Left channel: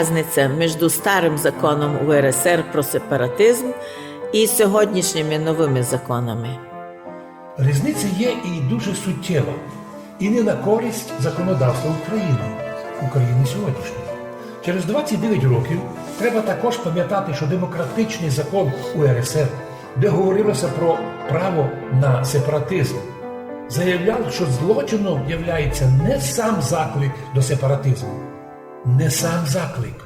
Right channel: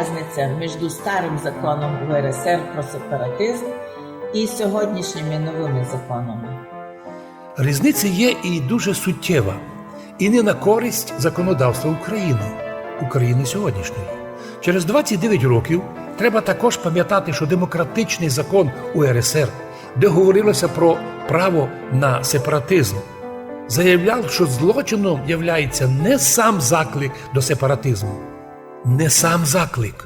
різниця між старим законом УРСР про сепаратизм і сьогоднішніми новими законами? Різниця є і дуже суттєва, і не на користь законодавства України сьогоднішньої. Через 29 років треба також пам'ятати, що демократичний закон УРСР, де говорилося про право на сепаратизм, заявляв, що злочином являється не сам заклик до сепаратизму, не сам заклик,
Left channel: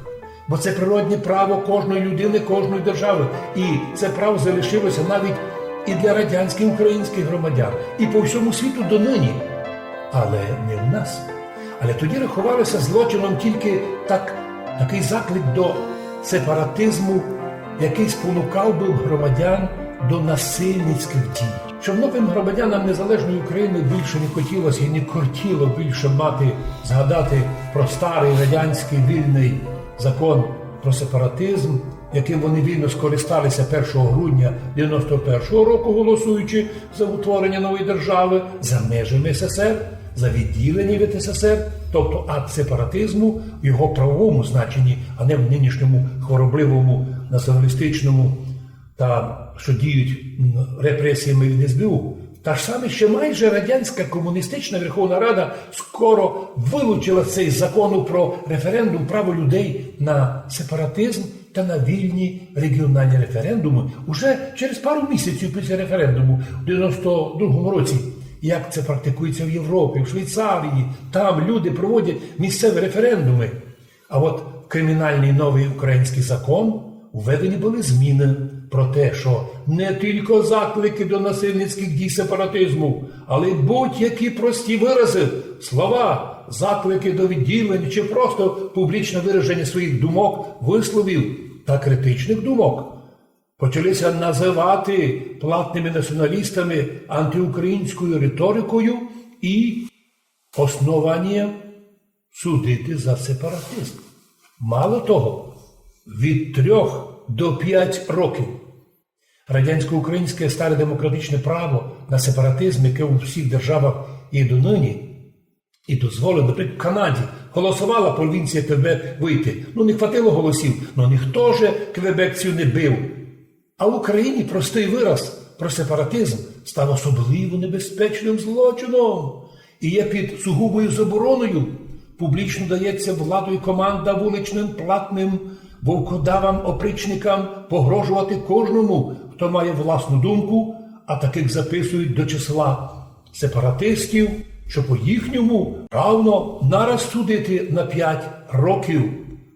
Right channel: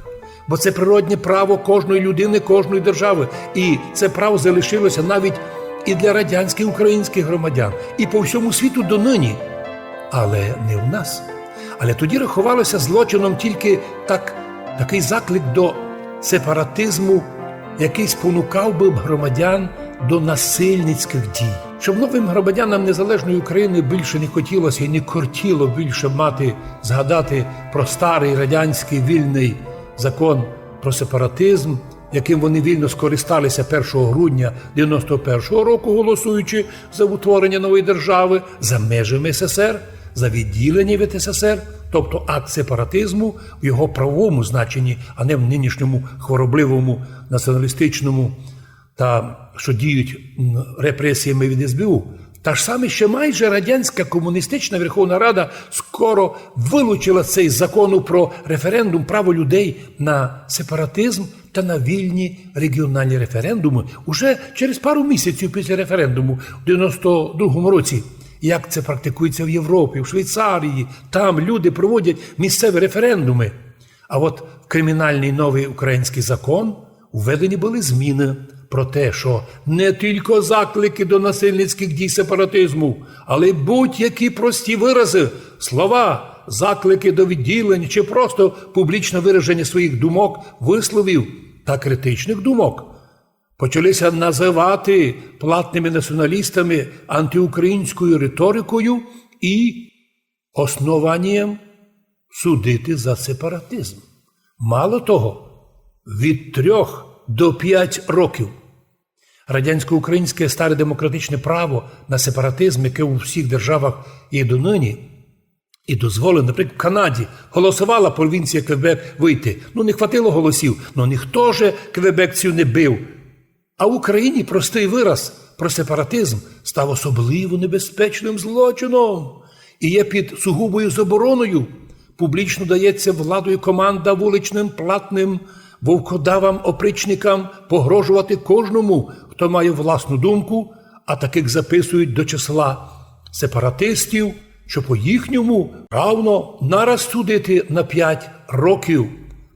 бо це природне право кожної людини, кожної держави, і це право залишилося навіть і для радянських українських громадян, і по всьому світу донині, але не в нас. Але тоді рахувалося злочином тільки такий заклик до сепаратизму, який спонукав би громадян до насильницьких дій. Щоб новим громадянам незалежної України більше не хотілося і не кортіло більше згадати про старий радянський вільний закон про сепаратизм, яким вони вільно скористалися 1 грудня 91-го року, голосуючи за утворення нової держави за межами СССР, за відділення від СССР, тобто акт сепаратизму в його правовому значенні, а не в нинішньому хворобливому, націоналістичному та що діють репресіями від СБУ. Та ж саме ще майже радянська комуністична Верховна Рада скоро вилучила цей закон про референдум, право людей на сепаратизм та на вільні регіональні референдуми уже через пару місяців після референдуму в 92-му році. Як це практикується в Європі, в Швейцарії, там люди проводять місцеві референдуми. А от в кримінальний новий український закон введені були зміни про те, що не тільки заклики до насильницьких дій сепаратизму, але й будь-які прості вирази, слова, заклики до відділення чи просто публічне вираження своїх думок, висловів та критичних думок почалися називати платними націоналістами антиукраїнською риторикою і основанням судити за сепаратизм. Мало того, від 3 до 5 років радянсько-українське старе демократичне право на сепаратизм, яке у всіх державах є донині, і дозволено, наприклад, в Канаді голосувала провінція Квебек вийти. Не хватило голосів, ніхто же квебекцію не бив. А в Україні простий вираз про сепаратизм став особливо небезпечним злочином і є під сугубою забороною. Публічно дається владою команда вуличним платним вовкодавам-опричникам погрожувати кожному, хто має власну думку, а таких записують до числа сепаратистів, що по їхньому равно нараз судити на 5 років.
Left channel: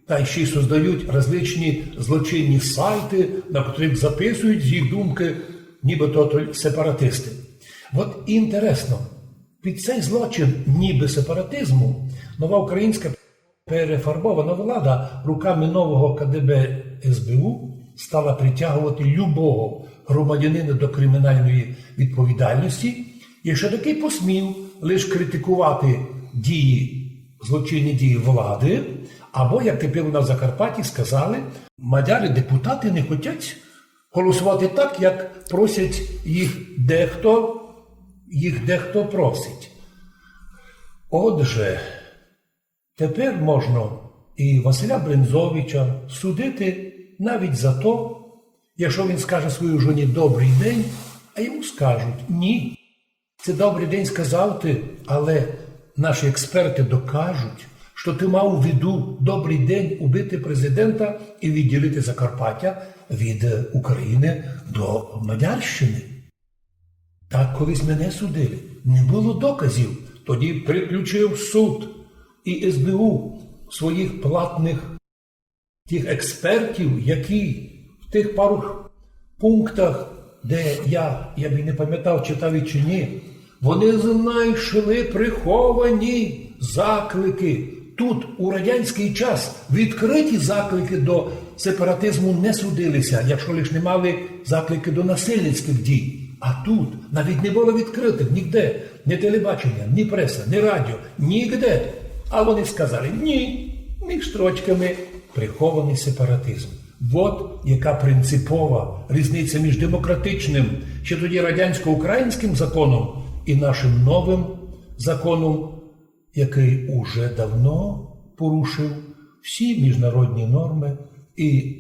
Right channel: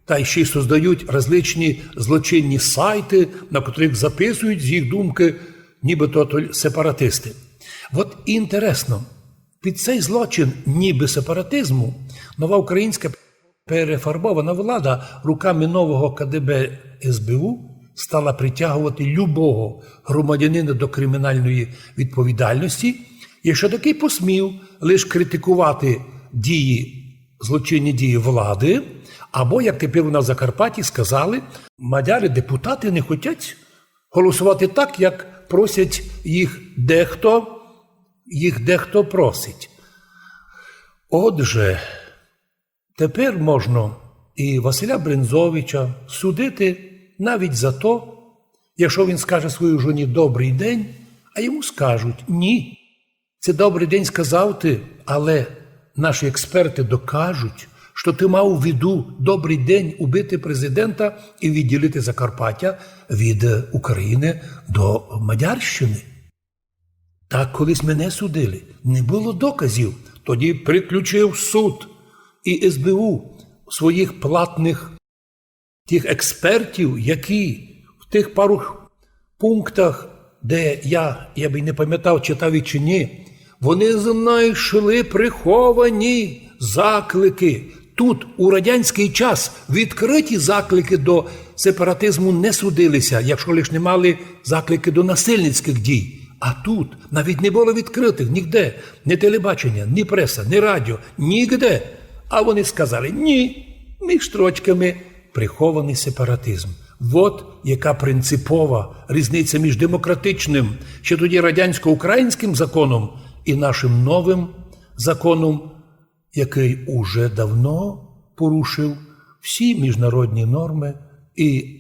Та ще й создають различні злочинні сайти, на котрих записують з їх думки нібито сепаратисти. От інтересно, під цей злочин ніби сепаратизму нова українська перефарбована влада руками нового КДБ СБУ стала притягувати любого громадянина до кримінальної відповідальності, якщо такий посмів лише критикувати злочинні дії влади, або, як тепер у нас в Закарпатті сказали, мадяри-депутати не хочуть голосувати так, як просять їх дехто просить. Отже, тепер можна і Василя Брензовича судити навіть за то, якщо він скаже своїй жоні «добрий день», а йому скажуть «ні, це добрий день сказав ти, але наші експерти докажуть, що ти мав у виду добрий день убити президента і відділити Закарпаття від України до Мадярщини». Так колись мене судили. Не було доказів. Тоді приключив суд і СБУ своїх платних тих експертів, які в тих пару пунктах, де я б не пам'ятав, читав чи ні, вони знайшли приховані заклики. Тут у радянський час відкриті заклики до сепаратизму не судилися, якщо лише не мали заклики до насильницьких дій. А тут навіть не було відкритих ніде, ні телебачення, ні преса, ні радіо, нігде. А вони сказали, ні, між строчками прихований сепаратизм. От яка принципова різниця між демократичним, ще тоді радянсько-українським законом і нашим новим законом, який уже давно порушив всі міжнародні норми, і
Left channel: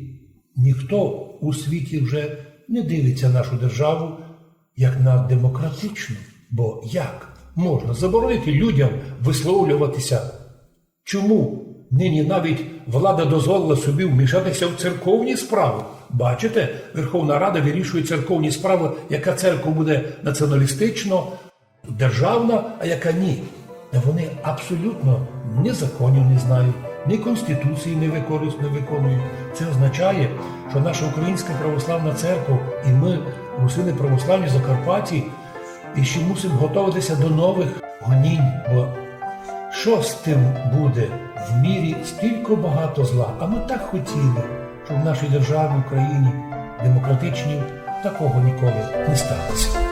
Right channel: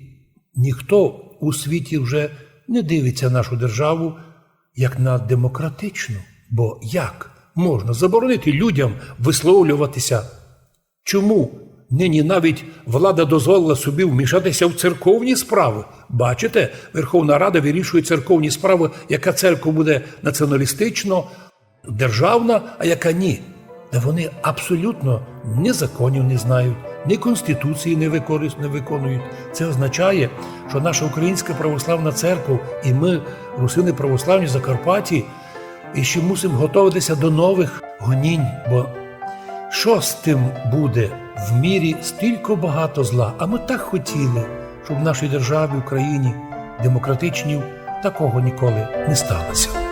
ніхто у світі вже не дивиться нашу державу як на демократичну. Бо як можна заборонити людям висловлюватися? Чому нині навіть влада дозволила собі вмішатися в церковні справи? Бачите, Верховна Рада вирішує церковні справи, яка церква буде націоналістично, державна, а яка ні. Та вони абсолютно ні законів не знають, ні Конституції не виконують. Це означає, що наша Українська Православна Церква і ми, русини православні Закарпатті, і ще мусимо готуватися до нових гонінь, бо що з тим буде? В мірі стільки багато зла, а ми так хотіли, щоб в нашій державі, Україні, демократичній, такого ніколи не сталося.